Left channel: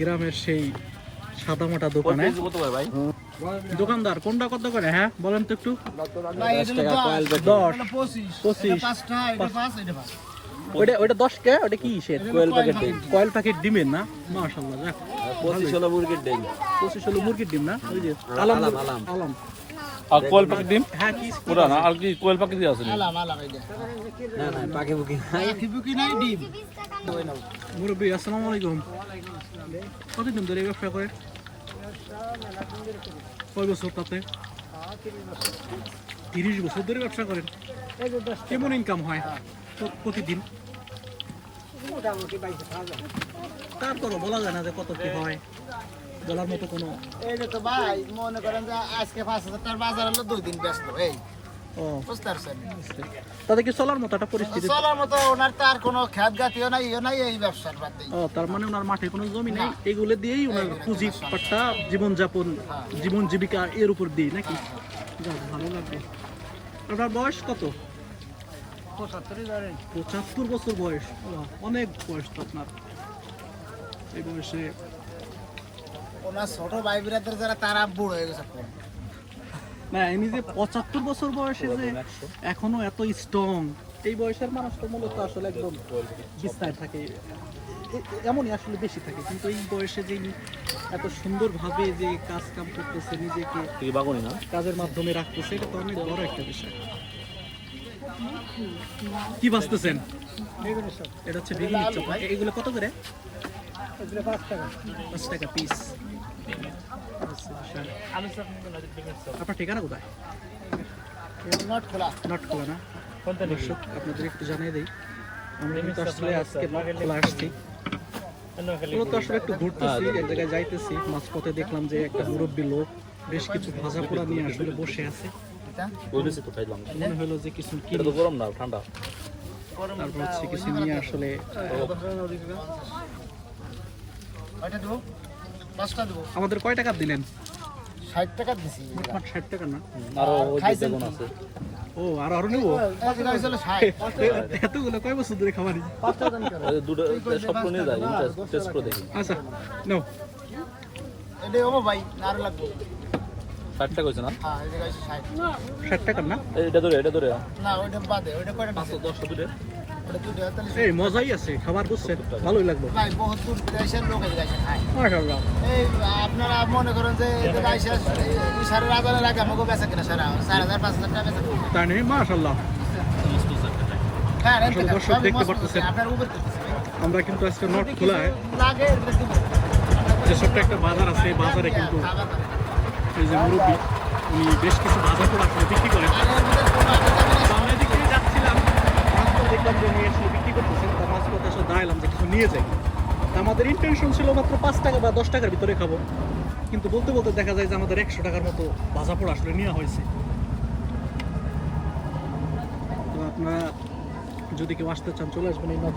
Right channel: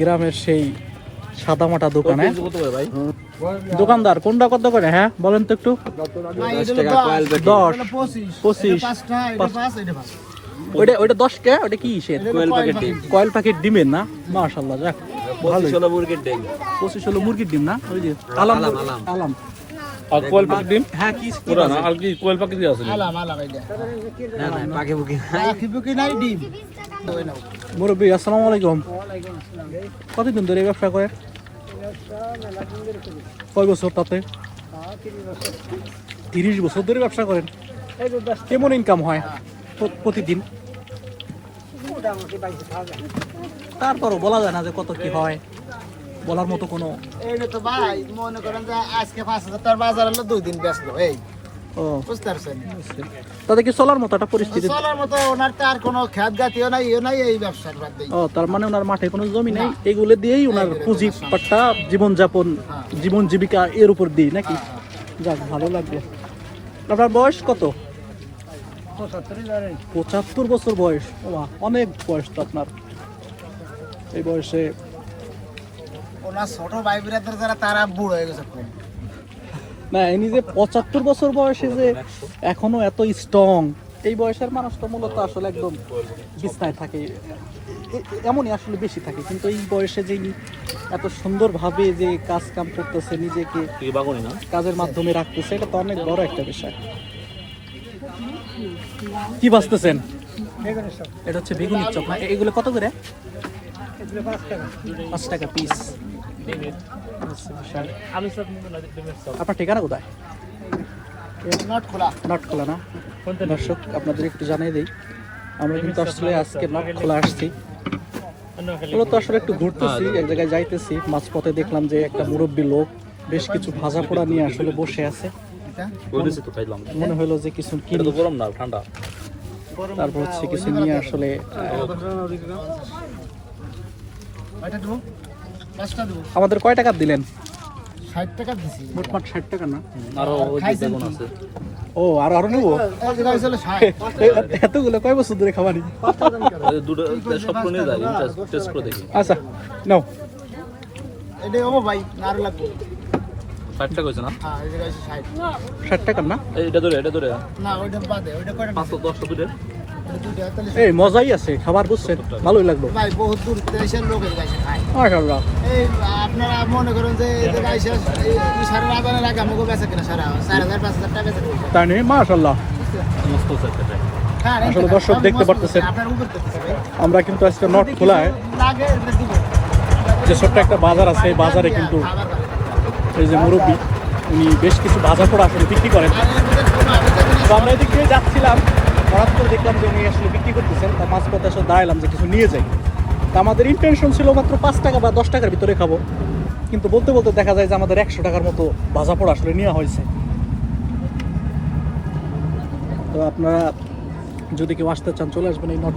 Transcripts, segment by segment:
গ্রামের সেই সাদা মাটা দোকান? দোকানদার কোনটা কত করে? হ্যাঁ বলেন তো একটু। দশ পঁচিশ। ওইটা ওইটা দশ কে? ওইটা কি সে কয়েল প্যাকেট ডিমের না? মাশাল্লাহ যাক ভালো পঁচিশ হলো মুরগির ডিম না? ওই যে আলাম আলাম আর কোয়েল পাখি ডিম? হ্যাঁ কি ওটা না আর কি কোয়েল পাখি দিয়ে আছে মুরব্বী আসসালামু আলাইকুম। কতদিন ধরে ব্যবসা করে? কয় বছর তাতে? তিরিশ বছর। ধরে ব্যবসা করেন। কেমন ইনকাম হয় প্রতিদিন? তারপরও বলা যায় না যে কত কি হয়। বলার মতো কোনো এইটা তো ভাই মনে করেন যে আজকে পাঁচ হাজার বাজার হলো দুই দিন ব্যস্ত এই। বুঝতে পারছেন? তাদের কি চলার মতো একটা পরিস্থিতি? চলার মতো ওনার তো কোনো খ্যাত গাতিও নাই নাই এই ব্যবসার বাদ ও তার মানে ওনার মাঠে কোনো জমি নেই? এগুলো দিয়েই ওনার পুঁজি পাট্টা জীবনযাপন জীবন জীবিকা এর উপর দিই নাকি? যাক ভালো লাগবে আপনার বয়স কত? পঁচাত্তর বছর বয়স। অনেক বয়স তো আপনার। এই বয়সে ওনার ছোট ভাই বিরাদের যারা তারা বুড়ো হয়ে গেছে। না এমনি যে পঁচাত্তর বছর বয়সে যে এখনও এত স্ট্রং এই বয়সের মানুষটা মূলত আসলে একদম বিছনায় থাকে। এমনই আসলে বেশি থাকে, কিন্তু এই বয়সে যে এত সুন্দরভাবে যে কাজ কাম করতেছে, নিজেকে কাজের মাধ্যমে রাখতেছে, এটা তো অনেক বড় একটা বিষয়। কি বাঁচতেছেন? এটা হচ্ছে বেগুনের চপ এগুলো কত করে? পাঁচ টাকা পিস আপনার ঠিকানা কোথায়? নট খোলা না? দর্শক, আপনাদের একটু জানিয়ে দিই, আমরা কিন্তু আসলে আজকে নট খোলা আসছি। মূলত আসলে একটু ঘুরতেছি, এক জায়গায় যাইতেছি, মাঝপথে দেখলাম যে একটা মুরব্বী লোক বেশ কিছু ভাজা পোড়া নিয়ে আসলে বসে আছে। মনে হলো যে কিছু কিনি। গরম না ঠান্ডা তারপর হচ্ছে কিছু নিয়ে আসলে পাঁচটা দেবো। আমাদের কয় টাকা দিলেন? ষাট টাকা দিছি। মোটমাট ষাট টাকা না? খাইছেন কি? ও আর আরও নেব? এতগুলো কয় বছর ধরে খাবারই? দুটো সব নিয়ে যাই টেস্ট করে। দেখি। আচ্ছা নাও। এটা হব ভাই না আরও লাগবো। ষাট টাকা হয়েছে না? হ্যাঁ এই জায়গায় ষাট। ষাট টাকা না? এটা ধরে এটা ধরে। না ওইটা বাদে ওইটা কয়টা পাঁচশো দশটা দুটো ওইটা দুইটা তাহলে এই মজাই আছে খাবার বুঝছেন ভালোই লাগল। ভাই বহুত দূর দেশের লোক এই গাছে খায়। মাশাআল্লাহ। এই আপনারা মনে করেন যে এই জায়গায় এসে এই সারা রাবারের আগে আমাকে বেচা কিনা সারা চার হাজার পাঁচ হাজার টাকা বেচা কিনা তাই মাশাআল্লাহ। মস্ত একটা হ্যাঁ আসলে দর্শক দেখতে পারতেছেন। আমরা কিন্তু আজকে নট খোলায় লাগে যে ছোট্ট একটা বাজার আছে এই বাজারে কিন্তু এই যে মুরব্বী, উনি বেশ কিছু ভাজা পোড়া আসলে বিক্রি করেন। তো আমরা এদিক দিয়ে যাচ্ছিলাম, হঠাৎ করে দেখলাম যে উনি আসলে বিক্রি করতেছেন। পাঁচ পথে এসে দাঁড়ালাম যে কিছু নিয়ে যাই। তা আমাদের ইন্টেনশন ছিল মাত্র পাঁচ টাকা বা দশ টাকার ভিতরে খাব। কিন্তু বলতে বলতে দেখা যায় যে আমাদের একশো টাকার মতো ভাজা পোড়া আসলে নেওয়া হয়েছে। তো আপনারা যদি কেউ আসতে চান, চলে আসবেন এই নট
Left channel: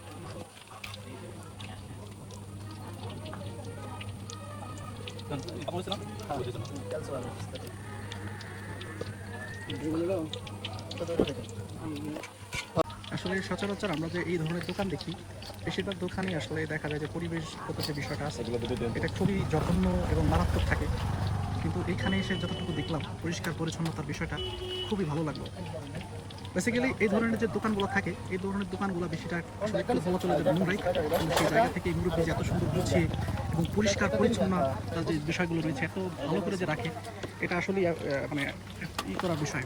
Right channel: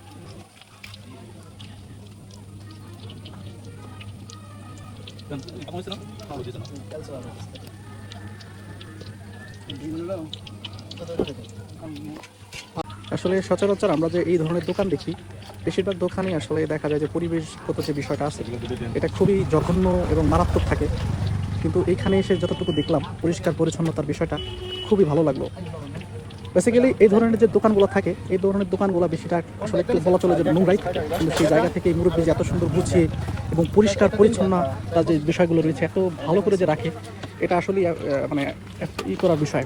আসলে সচরাচর আমরা যে এই ধরনের দোকান দেখি, বেশিরভাগ দোকানে আসলে দেখা যায় যে পরিবেশগত যে বিষয়টা আছে, এটা খুবই জঘন্য এবং মারাত্মক থাকে। কিন্তু এখানে এসে যতটুকু দেখলাম পরিষ্কার পরিচ্ছন্নতার বিষয়টা খুবই ভালো লাগল। বেসিক্যালি এই ধরনের যে দোকানগুলো থাকে, এই ধরনের দোকানগুলো বেশিটা আসলে একটু বলা চলে যে নোংরাই থাকে। কিন্তু সেই জায়গা থেকে এই মুরব্বী যে এত সুন্দর গুছিয়ে এবং পরিষ্কার, পরিচ্ছন্ন তার যে বিষয়গুলো রয়েছে, এত ভালো করে যে রাখে, এটা আসলে মানে ই করার বিষয়।